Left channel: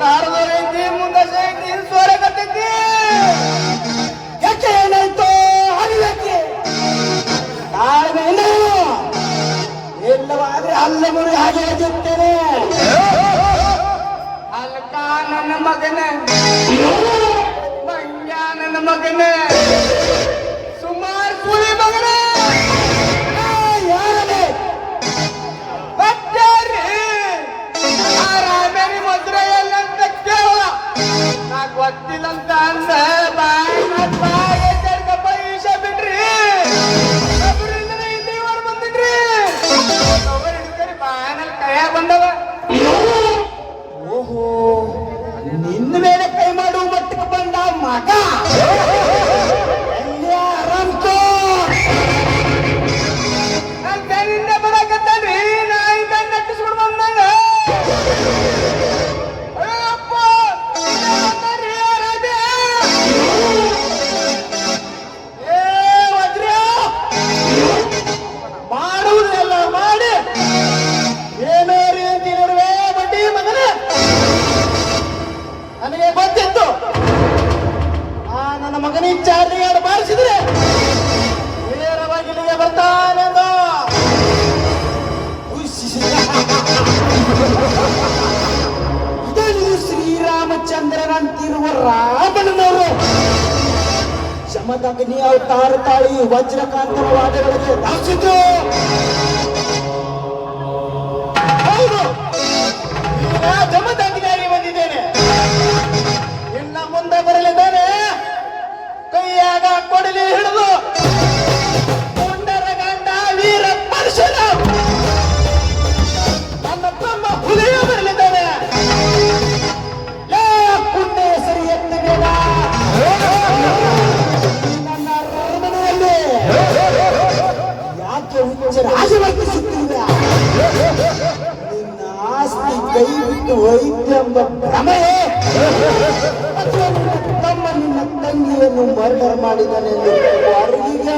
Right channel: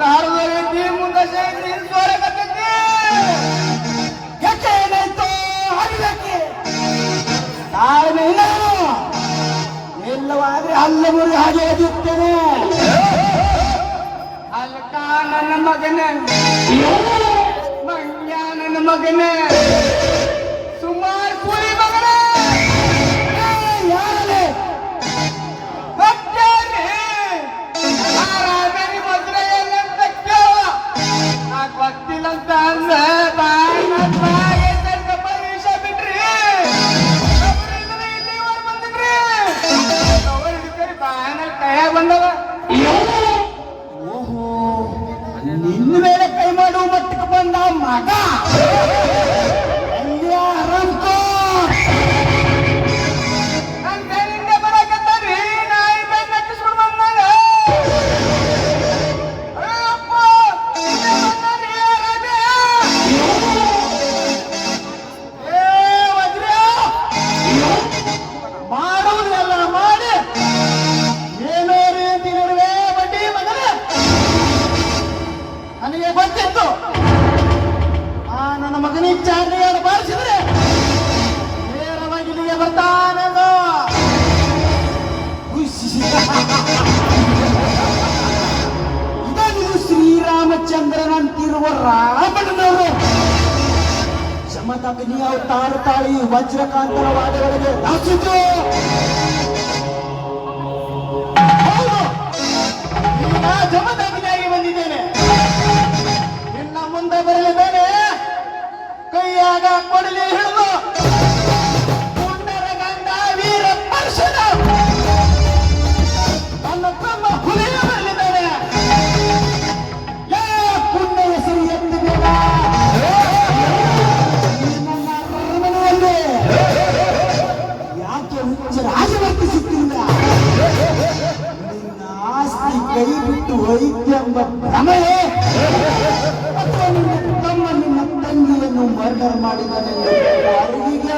ಹಾರದೈತಿ ಮುಂದೆ ಶೈತಿ ಸ್ವರಗತೈತಿ ಯಾಕೆ ಏನಾಯ್ತು ಹಾಗೆ ತಾಳ್ಮೆ ಇಲ್ಲ ಇಲ್ಲವಾದ್ರೆ ಅಲ್ಲ ಮುರಿ ಹಾಗೆ ಎದ್ದಿರ್ತೇನೆ ಅಲ್ಕ ನನ್ನ ಮಗನೇ ಮಂಗ್ಯ ನನ್ನ ಮಗನೇ ಸುಮಾರು ಕೂಲಿ ಮಗನೇ ಗೊತ್ತಿಲ್ಲಂತ ಅಂದ ವಿಷ ಬಿಡ್ರಿ ಬಂದಿದ್ರಿ ಬಾಯನಲ್ಲಿ ಕೈಯ ಬಂದವ ಓಹೋ ನಿನ್ನ ಮೇಲೆ ಕೈ ಮಾಡುವ ಮಟ್ಟಕ್ಕೆ ಬಂದ ಮಗ ಆರಾಮ್ಕೋ ನನ್ನ ಕೈಯಿಂದ ಬರಕತ್ತಲ್ರಿ ನಾಯಿಂದ ನಟ್ಟಿಸ್ಬಿಡ್ ಬಂದಾಗ ಚಾರ್ಜಿಗಾರ ಬಾರಿಸಿದ್ರೆ ನೇರವಾಗಿ ಇಲ್ಲಿಗೆ ಬರ್ತಾನಂದ ಇದನ್ನು ಶ್ರೀರಾಮಚಂದ್ರನಂತಿರುವ ರಾವಣನವರು ಶಮದಗ್ನಿ ಅವತಾರ ತಾಳಿ ವಜ್ರಕಾಂತರ ವಾದಗಳಿಗೆ ದಾಸಿತು ಹೌದು ಜಮದಗ್ನಿಯಾಗಿ ಬಂದಿದ್ದೇನೆ ಇನ್ನ ಮುಂದೆ ಬರಲಿದ್ದೇನೆ ಕೈಯಾಗ ಕೊಡಲಿ ಹಿಡಿದು ಮುಂಡರ ಗಂಡ ವೀರ ಪರ್ಶನ ನನ್ನ ತಮ್ಮ ಹುಲಿಯ ಬರಲಿದ್ದಾನೆ ಪುಣ್ಯ ಹೆಸರು ಎತ್ತು ಬೇಡ ನನ್ನ ಅರಮನೆಯಲ್ಲಿ ಯಾಕೆ ಹುಚ್ಚ ರಾಜವರ್ತಿಸುತ್ತಿಲ್ಲ ನಿನ್ನ ಆಸ್ತಿ ಕೈ ಬಿಟ್ಟು ಹೋಯಿತು ಎಂಬ ಭ್ರಮೆ ತಮ್ಮ ನಿನ್ನ ತಂಗಿಯನ್ನು ಮರ್ಡರ್ ಮಾಡಿದನೆಂದು ಅರಿವಿಗ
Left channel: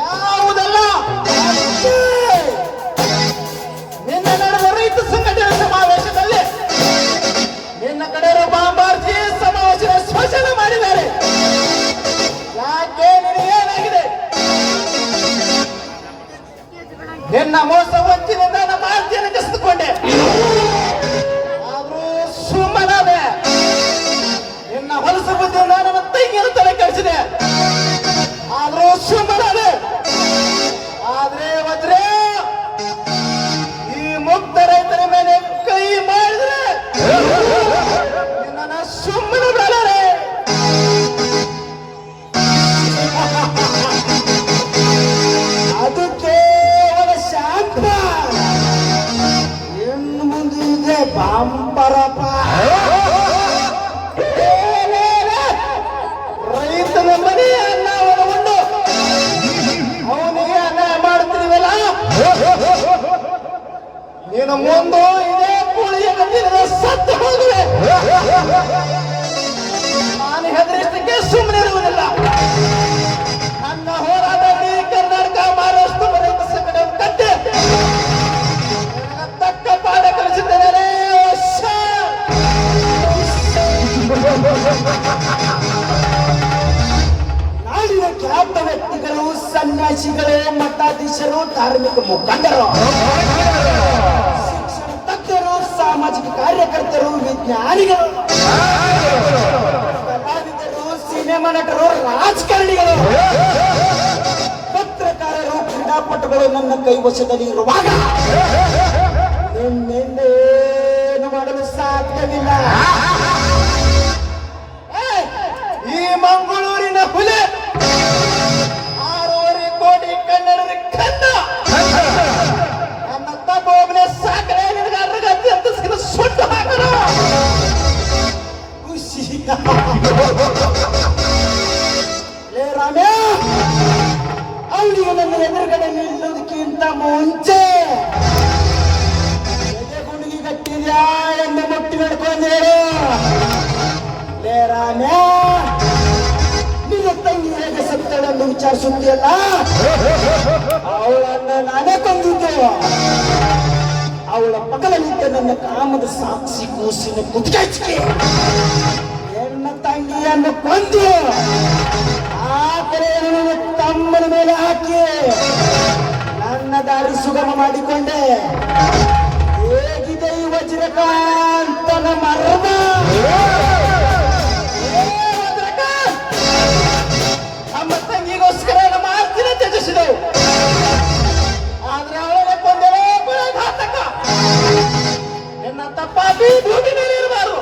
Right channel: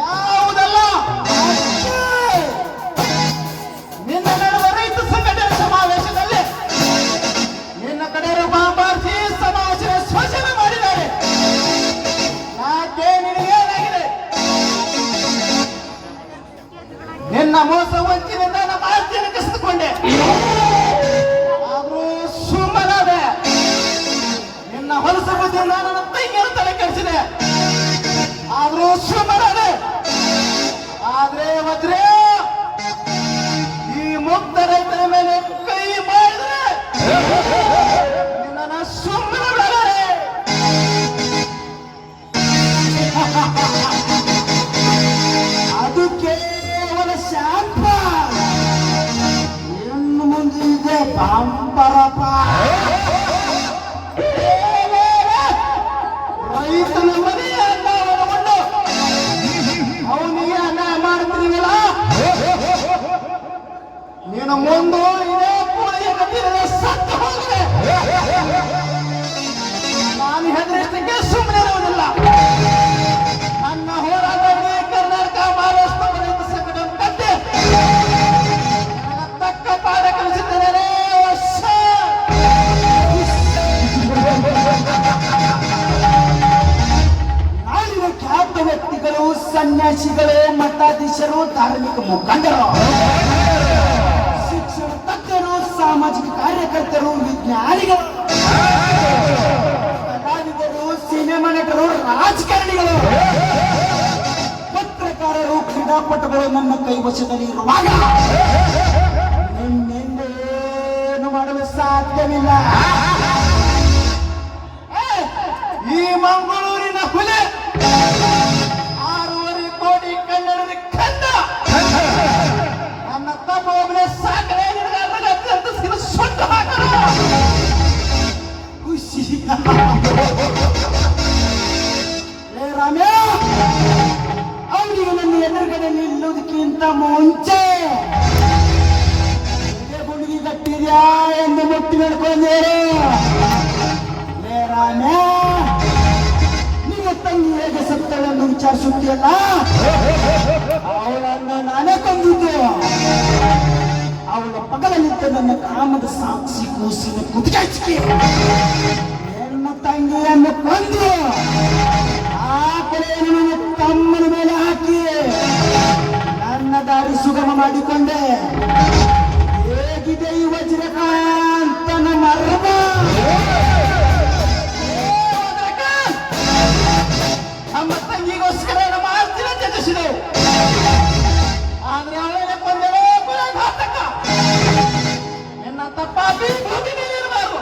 ಯಾವುದಲ್ಲ ನಿನ್ನ ನಡೆದ ರೈತ ಸಂಘಟನೆ ಸಮಾವೇಶದಲ್ಲಿ ನಿನ್ನ ಕಡೆಯವರು ಬಾಂಬಾರ್ಜಿ ಸಮಾವೇಶ ಸ್ಪರ್ಶನ ಮಾಡಿದ್ದಾರೆ ಯಾಕೆ ನಿನಗೇನಾಗಿದೆ ನಿನ್ನ ಮೋಸ ವಂಚಿನಿಂದ ನಮ್ಮ ಆಸ್ತಿಯನ್ನು ಕಸಿದುಕೊಂಡೆ ಆದ್ರೂ ಸುಮ್ಮನಾದೆ ನಿನ್ನ ಹೊಲಸ ಬುದ್ಧಿಯಿಂದ ನನ್ನ ತಂಗಿಯನ್ನು ತಲೆ ಕೆಡಿಸಿದೆ ಆದ್ರೂ ಸುಮ್ಮನಾದೆ ಆದ್ರೆ ವಜ್ರೆ ಈ ಮುಕ್ತ ರೈತರ ಮೇಲೆ ಕೈ ಮಾಡಿದ್ರೆ ನಿನ್ನ ಸುಮ್ಮನೆ ಬಿಡಲಾರೆ ಅದು ಕೇವಲ ಶಾಂತ ಇನ್ನು ಮುಂದೆ ಇದೆ ಬಾಂಬರಪ್ಪ ರೈತನ ಮನೆ ಅನ್ನ ಒಳಗೊಂಡು ಅವನಿಗೆ ಅನ್ಯಾಯ ಮಾಡ್ತೀವಲ್ಲ ನೀನು ಮುಂದೆ ಇದೇ ಕೂಳಿಗೆ ಕಟ್ಟಿದರೆ ಸತ್ತು ಹೋಗುವೆ ನಾನು ಹೆದರಿಸಲಿಕ್ಕೆ ಸುಮ್ಮನಿರುವುದಿಲ್ಲ ನನ್ನ ಹೋರಾಟದಲ್ಲಿ ಕರ್ನಾಟಕ ಮಹಾರಾಷ್ಟ್ರ ರೈತ ಸಂಘಟನೆ ಕಟ್ಟಿ ತಕ್ಕ ಪಾಠ ಕಲಿಸಿದ್ದೇನೆ ನಾಡಿನ ಖ್ಯಾತ ವ್ಯಕ್ತಿಗಳು ಸನ್ಯಾಸಿಗಳೇ ಮಠಾಧೀಶರು ಧಾರ್ಮಿಕ ಮುಖಂಡರು ಶಿಕ್ಷಣ ತಜ್ಞರು ಸಾಮಾಜಿಕ ಕಾರ್ಯಕರ್ತರು ವಿಜ್ಞಾನಿಗಳು ಕಲಾವಿದರು ಸಿನಿಮಾ ನಟರು ರಾಜಕಾರಣಿಗಳು ಪತ್ರಕಾರರು ಕ್ರೀಡಾಪಟುಗಳು ನನ್ನ ಕೈವಶದಲ್ಲಿ ಇರುವಾಗ ನಿನ್ನೇನು ಮಾಡಲು ಸಾಧ್ಯವಿಲ್ಲ ಈ ಮಂಗಳೂರಿನ ಹುಲಿ 6.5 ಕೋಟಿ ಕನ್ನಡದ ಕಂದ ನನ್ನ ತಮ್ಮ ಒಬ್ಬನೇ ಸಾಕರೆ ಅಂತ ಸುಟ್ಟು ಹಾಕರು ಖುಷಿ ಲೇ ರಾಮ್ಯ ಅವನಿಗೆ ನನ್ನ ಎದುರುಗಡೆ ನಿಲ್ಲುವುದಕ್ಕಿಂತ ಮುಂಚೆ ಗುಡುಗಿ ಕಟ್ಟಿದ್ಯಾ ಎಂದು ಮುಟ್ಟಿ ನಡ್ಕೊಂಡೇಳು ಲೇ ರಾಮ್ಯ ನಿನ್ನ ತಂಗಿ ಹೇಗೆ ಸತ್ತಳೆಂದು ವಿಚಾರಿಸುತ್ತಿಲ್ಲ ಅವಳನ್ನು ನಾನೇ ಕೊಂದಿದ್ದೆ ಅವಳ ಪಕ್ಕದಲ್ಲಿದ್ದ ನನ್ನ ಕಾಮದ ಸಾಕ್ಷಿ ಮುದುಕಿ ಹೆಣ್ಣ ತಂಗಿಯನ್ನು ಕೊಂದು ಆ ಕಡೆಯನ್ನು ತಮ್ಮನ ಮೇಲೆ ಹಾಕಿ ನನ್ನ ದಾರಿ ಸುಗಮ ಮಾಡಿಕೊಂಡೆ. ಹೇಗಿದೆ ಈ ವಜ್ರಕಾಂತನ ಮರದ? ನಮ್ಮ ತಂಗಿಗೋಸ್ಕರ ಮಾಡ್ತಿನ ತ್ಯಜಿಸಿದೆ. ಆದ್ರೆ ಅವಳೆ ಕೊಂದರೆ ಘಾತಕ. ನಿನ್ನ ತಪ್ಪಾಗಿ ಭೂಮಿ ಮೇಲೆ ಇರಬಾರದು.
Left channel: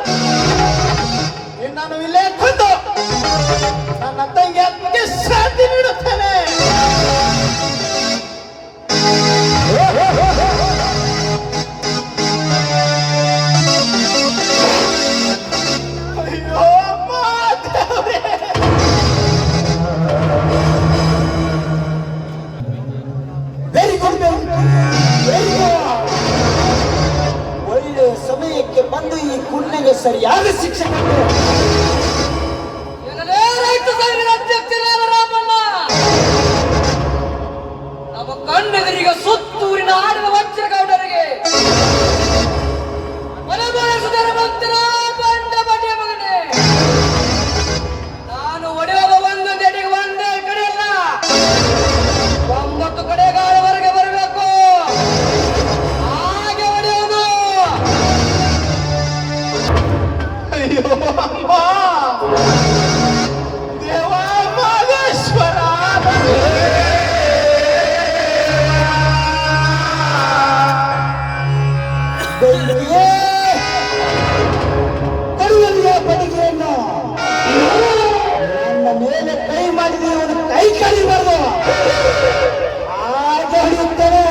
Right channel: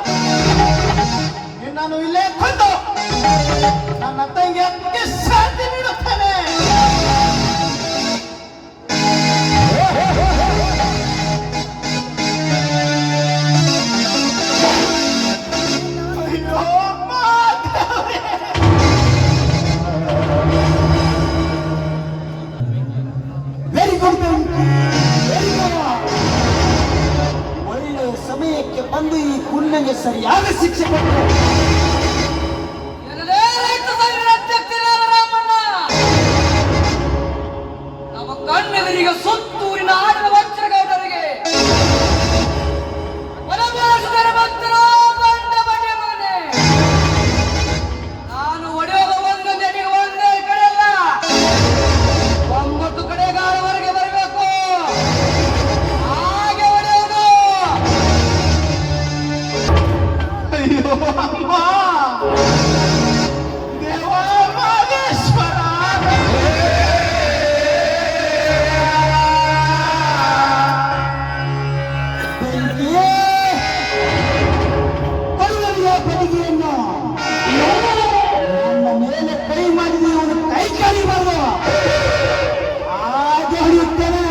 ನಿನ್ನನ್ನು ಇಲ್ಲೇ ಕೊಂದು ನನ್ನ ತಂಗಿ ಆತ್ಮಕ್ಕೆ ಶಾಂತಿ ನೀಡುತ್ತೇನೆ. ಅಯ್ಯೋ ಮಾತವ್ರೆ. Very good very good. ಒಳ್ಳೆ ಸಮಯಕ್ಕೆ ಬಂದು ಈ ಕುಳ್ಳಿಗೆ ಸರಿಯಾದ ಶಿಕ್ಷೆ ಕೊಟ್ಟು ನಮ್ಮ ಕಣ್ಣೆದುರಿಗೆ ಸುತ್ತೂರಿನ ಆಡಿದ ವಜ್ರಗೌಡರಿಗೆ ಮನಬಾರಿಸಿದಿರುವಂತಿರೋ ಬಂಡ ಬಡ್ಡಿಯ ಮಗನೇ, ನಾನು ಒಡೆಯುವ ಒಂದೊಂದು ಎಡೆಗೆ ಒಂದೇ ಕಡೆ ಅಲ್ಲ 9 ಕಡೆಗಾಲವರೆಗೆ ಬರಬೇಕು. ಹಾಗೆ ಒಡೆಯುವುದು. ಅಯ್ಯೋ ಅಮ್ಮ, ದೇವ ಮಹೇಶ್ವರ. ಬೆಂಕಿಯೇ ಕರುವಲಿಯ ಬದಿಗೆಯನ್ನು ನನ್ನ ಮೇಲೆ ಕೈ ಮಾಡಿದ ಇವನು ಕೈ ಕಡಿಬಾರ್ದು. ಹಾಗೆ ಹೊಡೆಯುತ್ತೇನೆ.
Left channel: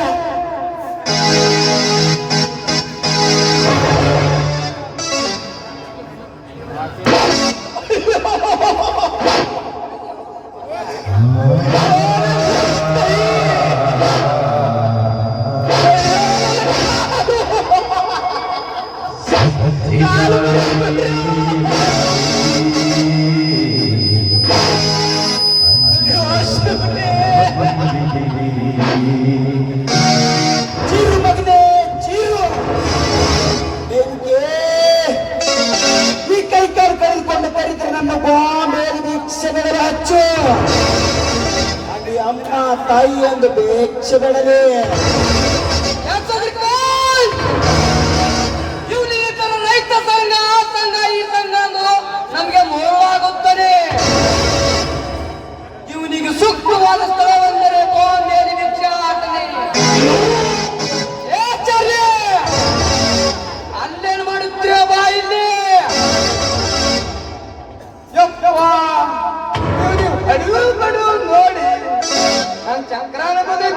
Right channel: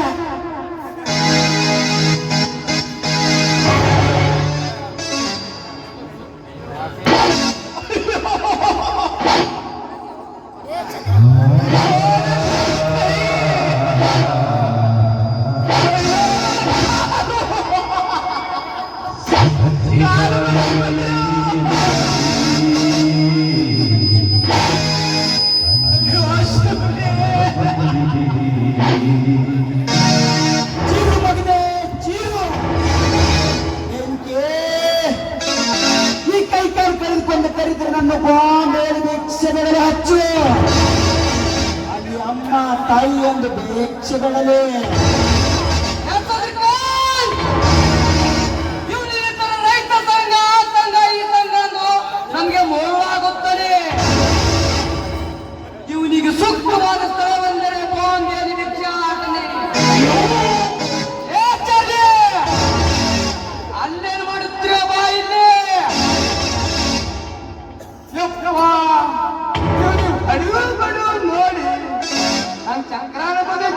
ಚೀರು ಮಗನೇ ಚೀರು. ಬೆಂಕಿ ಈ ಕೈ ಕಾಲು ಕರೆದುಕೊಂಡು ಕರೆದರೆ ನನ್ನ ಮೇಲೆ ಭಿಕ್ಷೆ ಬೆಳಲೆ ಹಚ್ಚು. ಅಲ್ಲಿ ಅಮ್ಮ ತಾಯಿ ಎಂದು ಭಿಕ್ಷೆ ಬೆಳಲೆ. ಇವನು ಈ ತರ ರೈತ ಸಂಘ ಆ ಸಂಘ ಈ ಸಂಘ ಅಂದು ನಮ್ಗೆ ಮೋವಾಗುತ್ತದೆ. ಇವನಿಗೆ ಸೂಕ್ತವಾದ ಸ್ಥಳವೆಂದರೆ ಬಾಂಬೆಯಲ್ಲಿ ಭಿಕ್ಷಾಟನೆ. ಆಚಾರ್ಯ, ಅಲ್ಲೇನು ಮಾಡುತ್ತೀರ ಬಾ ಇಲ್ಲಿ. ಅಡಿಗಳು ಬಡಿಗಳು ನೋಡಿ ನನ್ನ ಚಕ್ರಾನ ಕೊಡಿ.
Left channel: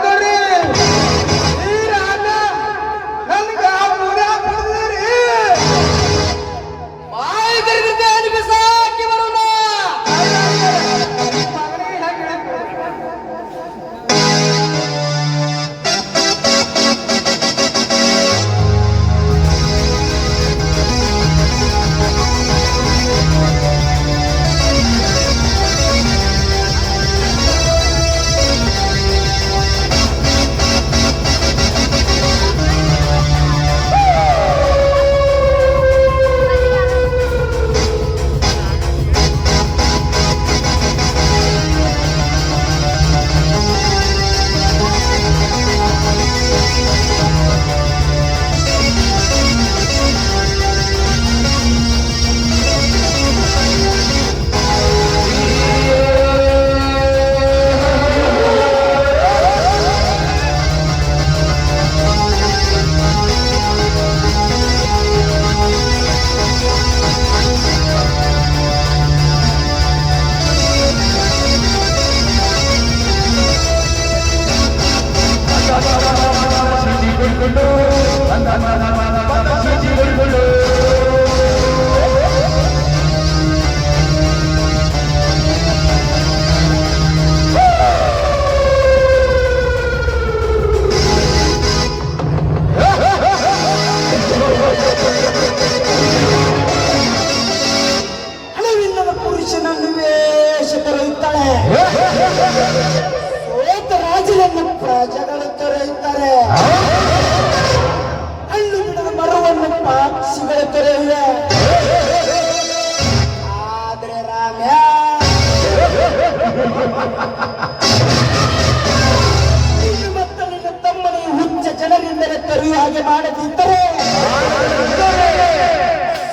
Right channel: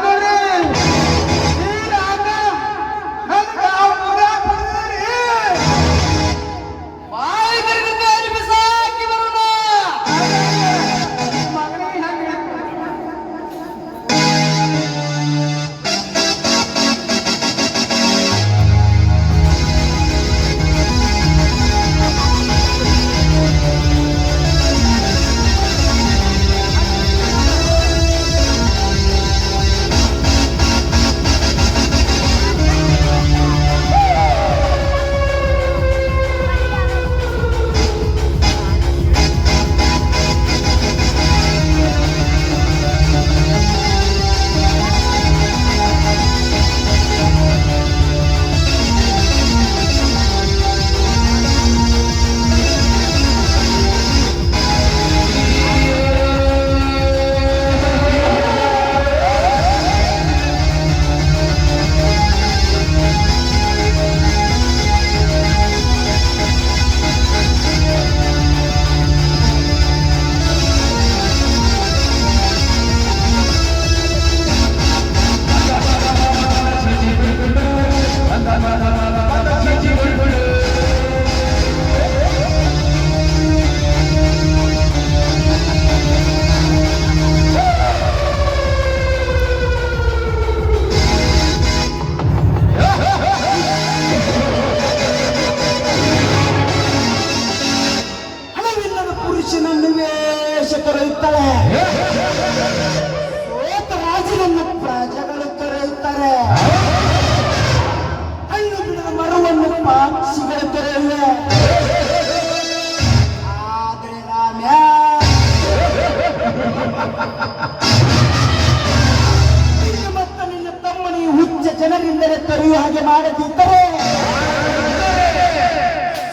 ಜನರಿಂದಲೇ ಕರೆಯುವ ಹಾಗೆ ಮಾಡದಿದ್ದರೆ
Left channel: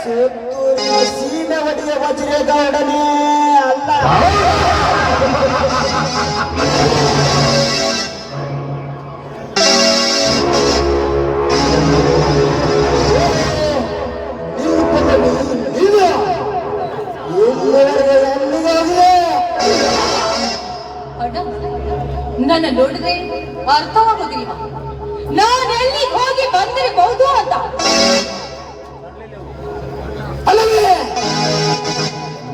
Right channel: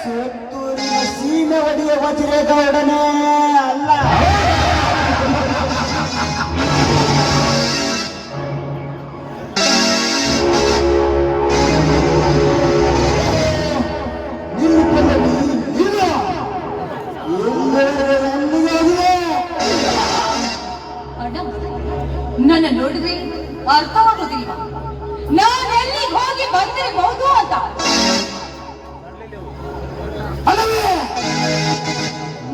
ಸುತ್ತೂರಿನ ಸೀಮೆ ಒಡೆಯ ವಜ್ರೇಗೌಡನೇ ಅಲ್ಲ. ನಿಲ್ಲು ಪಲ್ಲವಿ, ನಿಲ್ಲು. ಎಲ್ಲವರೆಗೆ ಎಂದಿಗಾಗಿ ಅಣ್ಣ, ನನ್ನ ನೋಡಿದ್ರೆ ಅರ್ಥವಾಗುದಿಲ್ಲ. ನಾನು ಎಲ್ಲಿಗೆ ಹೋಗಿ ಬಂದಿರಬಹುದು ಅಂತ. ಅಲ್ಲವೇ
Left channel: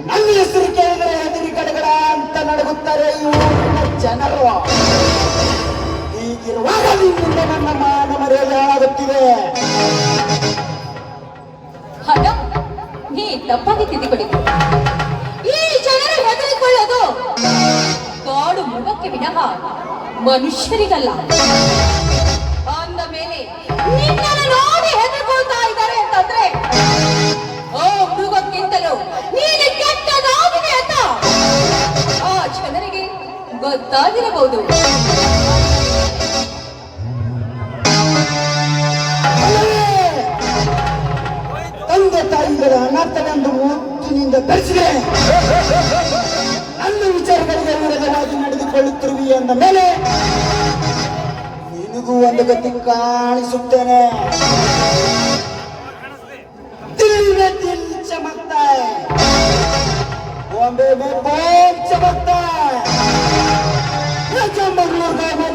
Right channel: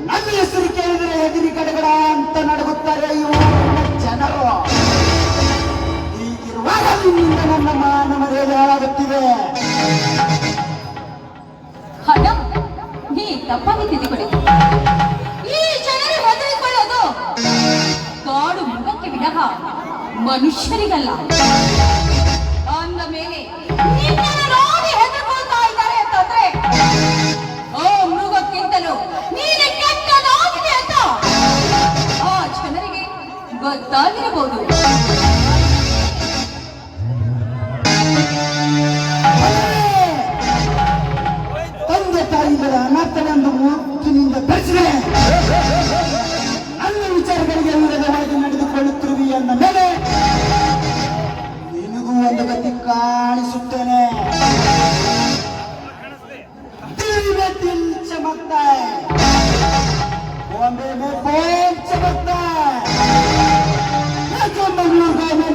ನನ್ನ ಹೆಸರು ಕೇಳಿದ್ರೆ ಎದುರಿ ಕಡೆಗಳ ಅಂತ ನಡುಗುತ್ತಾರೆ ಇವರು ಜನರು. ಹೀಗಿರುವಾಗ ನಿನ್ನಿಂದ ನನ್ನ ಮಾನ ಮರ್ಯಾದೆ ಹಾಳಾಗುತ್ತಿದೆ. ಅಣ್ಣ, ನೀ ತಪ್ಪಾಗಿ ತಿದ್ದಿಕೊಡಿ. ಈ ಜನರು ಹೆದರಿಕೊಳ್ಳೋದು ಕಾಡು ಮೃಗಕ್ಕೆ ವಿನಃ ಮನುಷ್ಯರಿಗಲ್ಲ. ಅಂದ ಮೇಲೆ ನಿನ್ನನ್ನು ನೋಡಿ ಹೆದರ್ಕೊಳ್ತಾ ಇದ್ದಾರೆ ಅಂತಂದ್ರೆ ಆ ಮೃಗಕ್ಕಿಂತಲೂ ನೀನು ಕೆಟ್ಟದಾಗಿದೆ ಅಂತ ಆ ಜನರಿಗೆ ಗೊತ್ತಾಗಿರಬಹುದು. ತಂದೆ ತಾಯಿಗಳ ಅನಾಥನೆಂದು ಮುತ್ತಿನಿಂದ ಬೆಳೆಸಿದೆ. ನನ್ನ ವಿಚಾರಗಳಿಗೆ ವಿರೋಧವಾಗಿ ನಡೆದುಕೊಳ್ಳುತ್ತಿರುವಿ ಅಂದ ಮೇಲೆ ನಿನಗೂ ಒಂದು ಗತಿ ಕಾಣಿಸುತ್ತೇನೆ. दिल में दिल चमकता है, बॉम्बे में बॉम्ब चमकता है, ये जो मंगलूर गांव में